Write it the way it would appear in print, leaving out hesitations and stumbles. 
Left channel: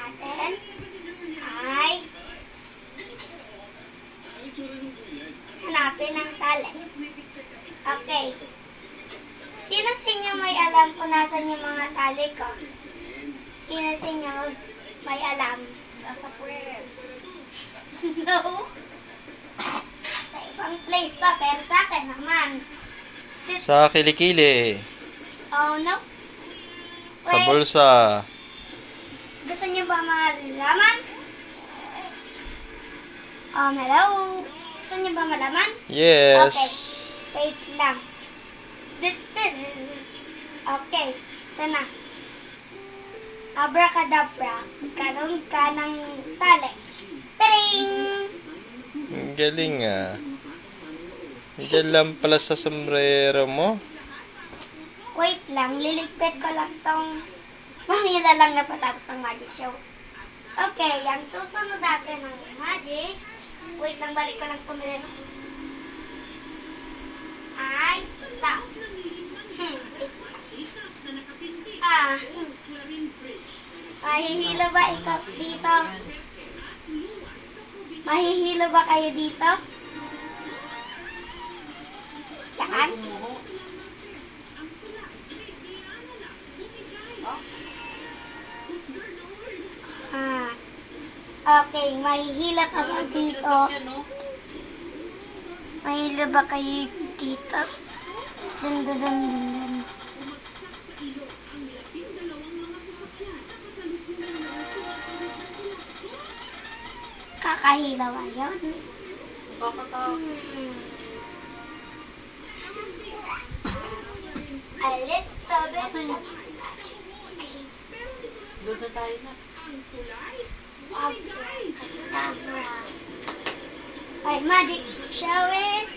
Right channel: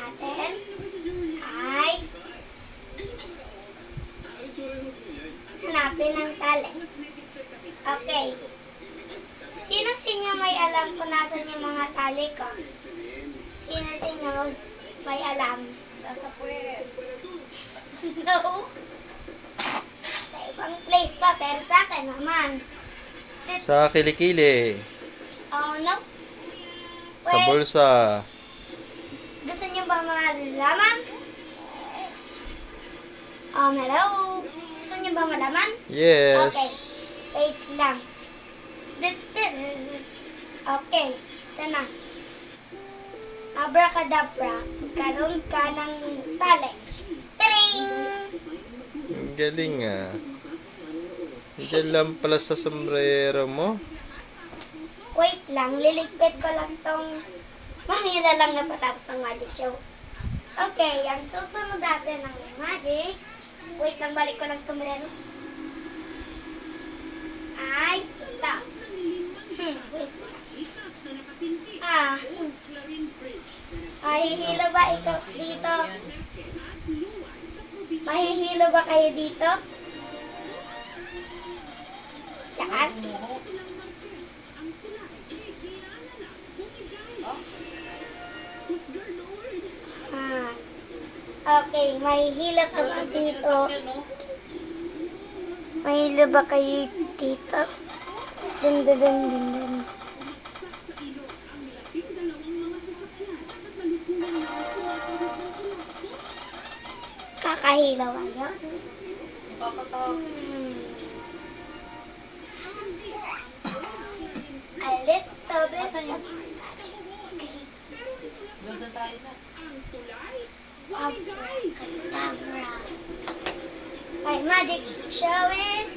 natin ay hanapin ang tali. Okay. Sino sa inyo may alam kung nasan yung mga tali ko? Sino sa inyo may alam? Nasa puwet. No. Sa ibang place pa, pero sa akin naman. Sa kilikili. Oh, no. Sa Wait, bulsa. gusto niyo ba malaman? Hello. Gusto niyo ba malaman? Yes. Okay. Wait lang. Okay. Ito na. Abracadabra. Karoon ka ng tali. Taring! Ang galing ah. Diyan lang pala sa sombrero mo. Wait lang. Liligpit ko lang tong mamila lang na patapos ng magic show. Okay. Ang susunod natin ng magic. Wait lang. Balik ko lang sombrero. Ay, stop. Wait lang. Mahihilo ba ikaw dito? Mahihilo ba kayo dito? Yan. Okay, mahihilo ka ba dito? Mahihilo ba kayo dito? Dun, dun, dun, dun, dun. Kakahilaw yun. A little bit. Asan yun? Doon na tayo na. Abracadabra. Okay, magic. Show it.